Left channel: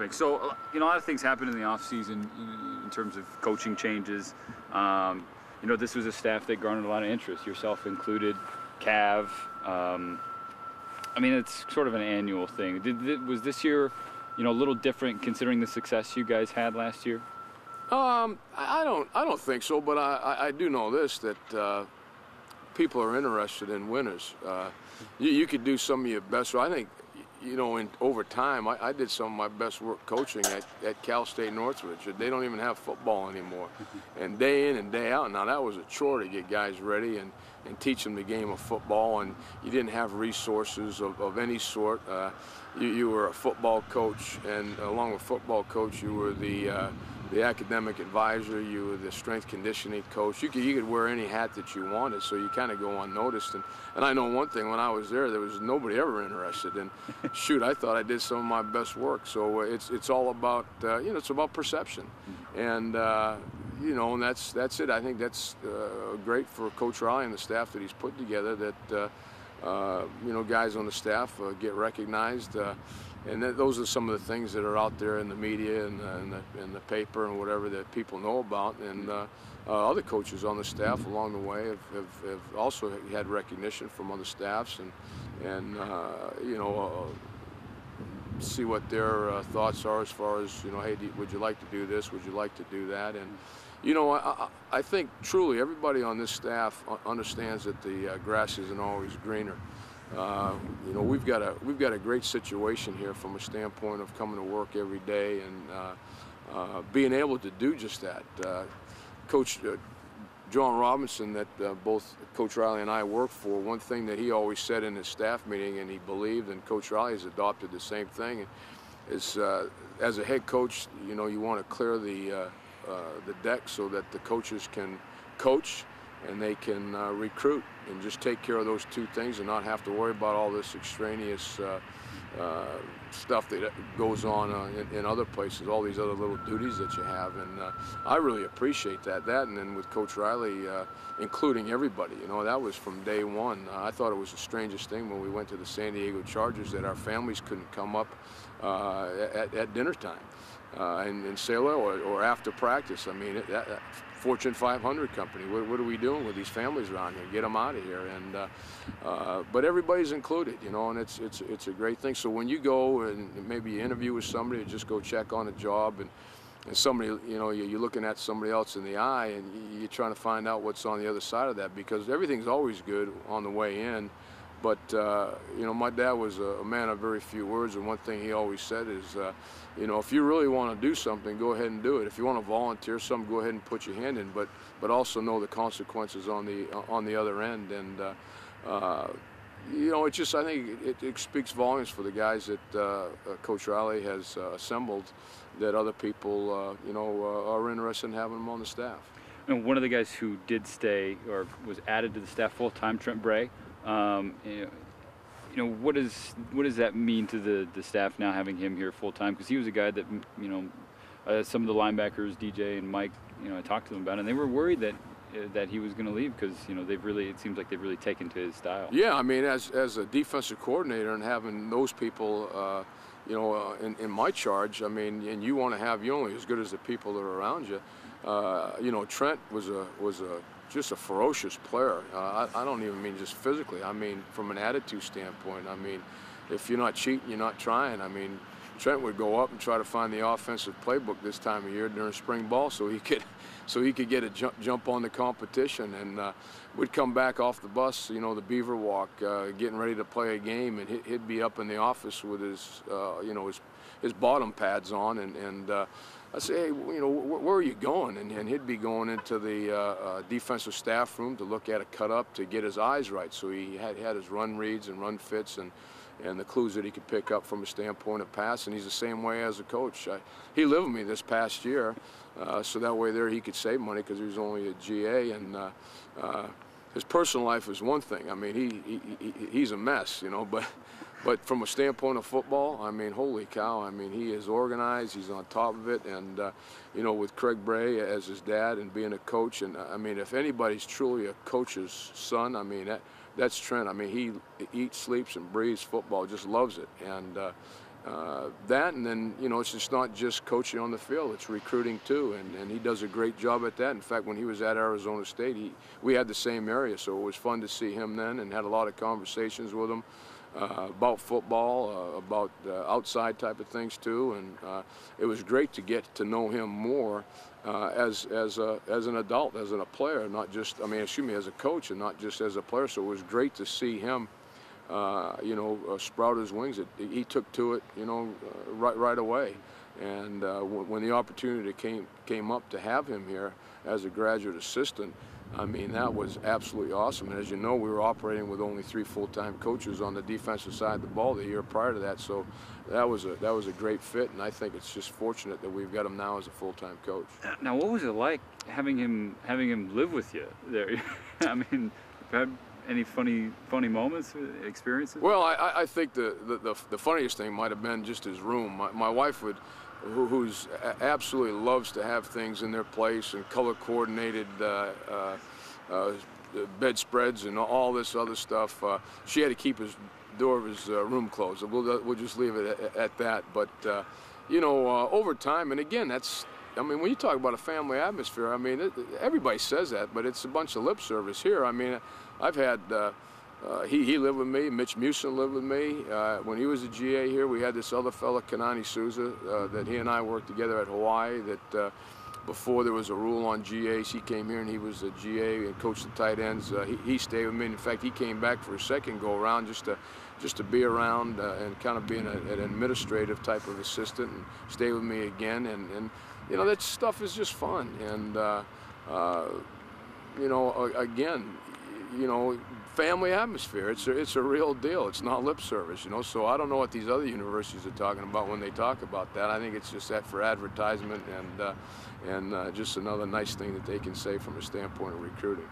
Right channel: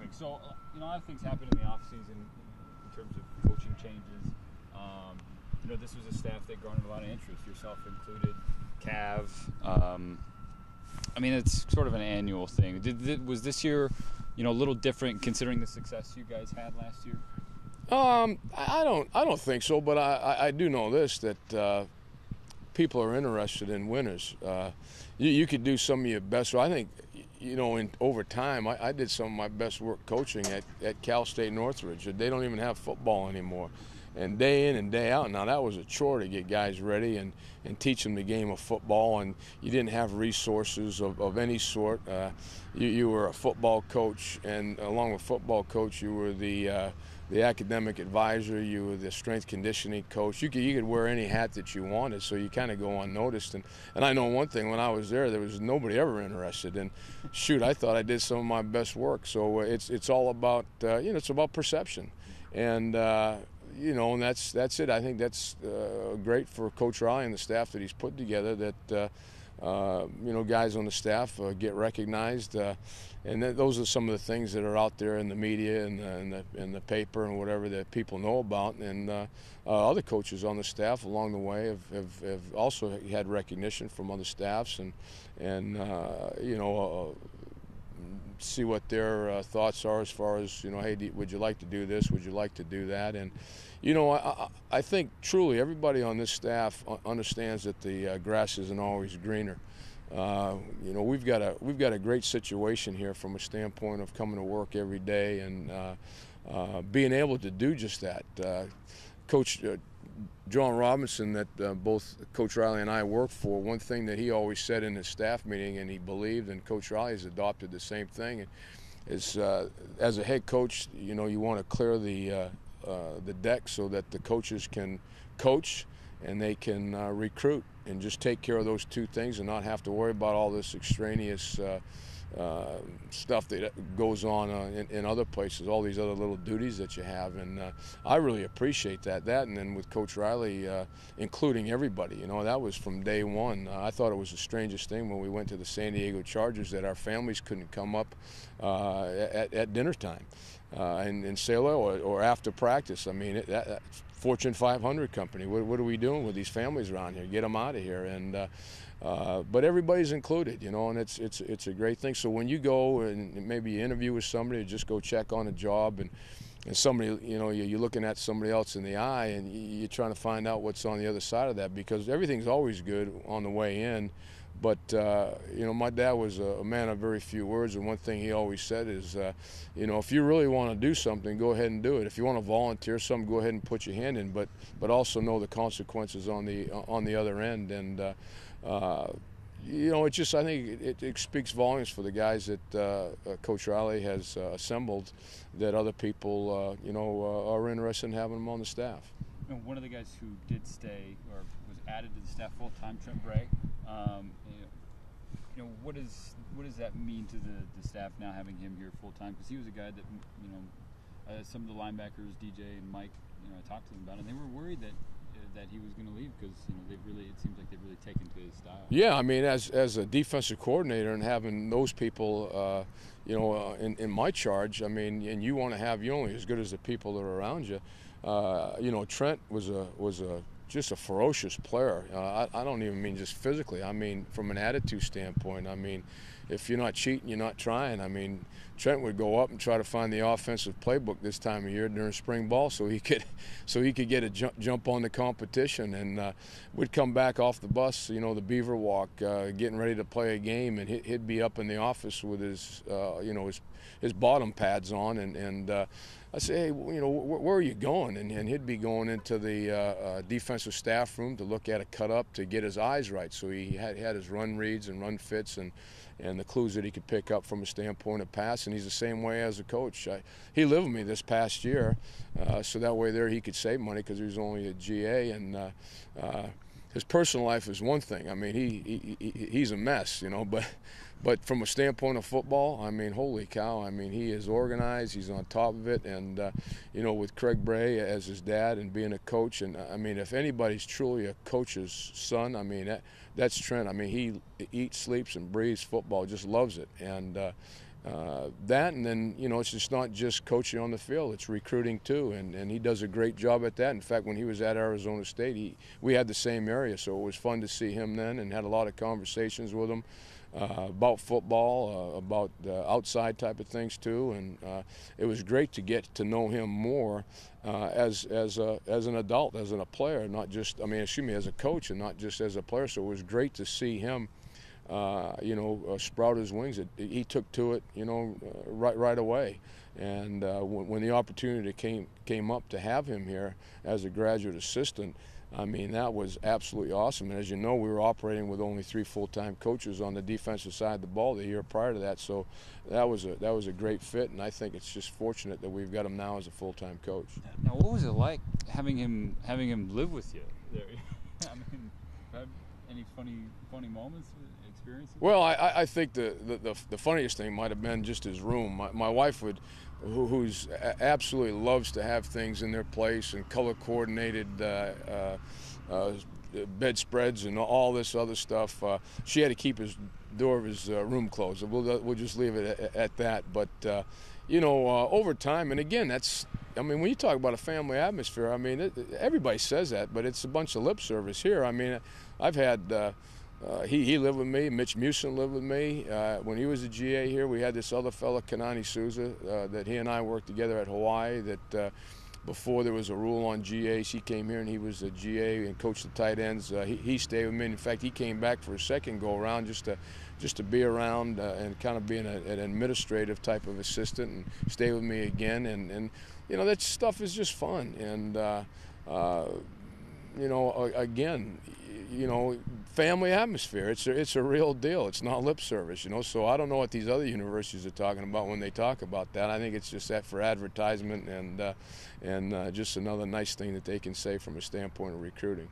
topic. So, a lot of things happen in the offseason in terms of coaching changes. This was a staff that garnered a lot of interest, yourself included, Cav. It's sort of an annual thing. Was this year, a little different considering the success you guys had last year? I don't think so, but I do know this, that people are interested in winners. You could do some of your best. I think, over time, I did some of my best work coaching at Cal State Northridge. They don't even have football anymore. And day in and day out, now that was a chore to get guys ready and teach them the game of football, and you didn't have resources of any sort. You were a football coach, and along with football coach, you were the academic advisor, you were the strength conditioning coach. You could wear any hat that you wanted, so you kind of go unnoticed. And I know one thing, when I was there was nobody ever interested. And shoot, I thought I did some of my best work. So it's all about, it's about perception. And, and that's it. I think that's great for Coach Riley and the staff that he's put together, that, guys on the staff get recognized. And those are some of the things that are out there in the media and the paper and whatever that people know about. And other coaches on the staff along the way have also had recognition from other staffs and see what their thoughts are as far as, hey, would you like to do this? Would you like to do that? And, I think truly everybody on this staff understands that the grass isn't always greener. We've got a great situation here from a standpoint of coming to work every day and being able to do just that. Coach John Robinson, that both Coach Riley and I work for, one thing that he always said in his staff meeting, and he believed, and Coach Riley has adopted the same thing, is as a head coach, you want to clear the deck so that the coaches can coach and they can recruit, and just take care of those two things and not have to worry about all this extraneous stuff that goes on in other places, all these other little duties that you have. And I really appreciate that. And then with Coach Riley, including everybody, that was from day one. I thought it was the strangest thing when we went to the San Diego Chargers that our families couldn't come up at dinner time and say hello or after practice. Fortune 500 company. What are we doing with these families around here? Get them out of here. And but everybody's included, and it's a great thing. So when you go and maybe you interview with somebody, or just go check on a job, and somebody, you're looking at somebody else in the eye, and you're trying to find out what's on the other side of that, because everything's always good on the way in. But, my dad was a man of very few words, and one thing he always said is, if you really want to do something, go ahead and do it. If you want to volunteer something, go ahead and put your hand in, but also know the consequences on the other end. And, I think it speaks volumes for the guys that Coach Riley has assembled, that other people, are interested in having them on the staff. One of the guys who did stay or was added to the staff full-time, Trent Bray, what does that mean to the staff now, having him here full-time? Because he was a guy that, some of the linebackers, DJ and Mike, I talked to them about it, and they were worried that he was going to leave, because, it seems like they've really taken to his style. Yeah, as a defensive coordinator and having those people, in my charge, and you want to have, you're only as good as the people that are around you. Trent was just a ferocious player. I don't even mean just physically. I mean from an attitude standpoint. If you're not cheating, you're not trying. Trent would go up and try to find the offensive playbook this time of year during spring ball, so he could get a jump on the competition. And we'd come back off the bus, the Beaver walk, getting ready to play a game, and he'd be up in the office with his bottom pads on, and I say, hey, where are you going? And he'd be going into the defensive staff room to look at a cut-up to get his eyes right. So he had his run reads and run fits and the clues that he could pick up from a standpoint of pass. And he's the same way as a coach. He lived with me this past year, so that way there he could save money because he was only a GA. And his personal life is one thing. He's a mess, But from a standpoint of football, holy cow, he is organized, he's on top of it, and, with Craig Bray as his dad and being a coach, and, if anybody's truly a coach's son, that's Trent. He eats, sleeps, and breathes football, just loves it, and that, and then, you know, it's just not just coaching on the field, it's recruiting too, and he does a great job at that. In fact, when he was at Arizona State, we had the same area, so it was fun to see him then, and had a lot of conversations with him about football, about outside type of things too, and it was great to get to know him more as an adult, as a player, not just, I mean, excuse me, as a coach, and not just as a player. So it was great to see him you know, sprout his wings. He took to it, you know, right away. And when the opportunity came up to have him here as a graduate assistant, I mean, that was absolutely awesome. And as you know, we were operating with only 3 full-time coaches on the defensive side of the ball the year prior to that. So that was a great fit, and I think it's just fortunate that we've got him now as a full-time coach. Now, what was it like having him live with you there? I mean, had any funny moments, experiences? Well, I think the funniest thing might have been just his room. My wife would, who's absolutely loves to have things in their place and color coordinated bedspreads and all this other stuff. She had to keep his door of his room closed. We'll just leave it at that. But you know, over time, and again, that's, I mean, when you talk about a family atmosphere, I mean, everybody says that, but it's a bunch of lip service here. I mean, I've had, he lived with me, Mitch Musin lived with me. When he was a GA here, we had this other fella, Kanani Souza, that he and I worked together at Hawaii, that before there was a rule on GAs, he came here and he was a GA and coached the tight ends. He stayed with me. In fact, he came back for a second go-around just to be around and kind of being an administrative type of assistant and stay with me again. And you know, that stuff is just fun. And, you know, again, you know, family atmosphere, it's a real deal. It's not lip service, you know. So I don't know what these other universities are talking about when they talk about that. I think it's just that for advertisement and just another nice thing that they can say from a standpoint of recruiting.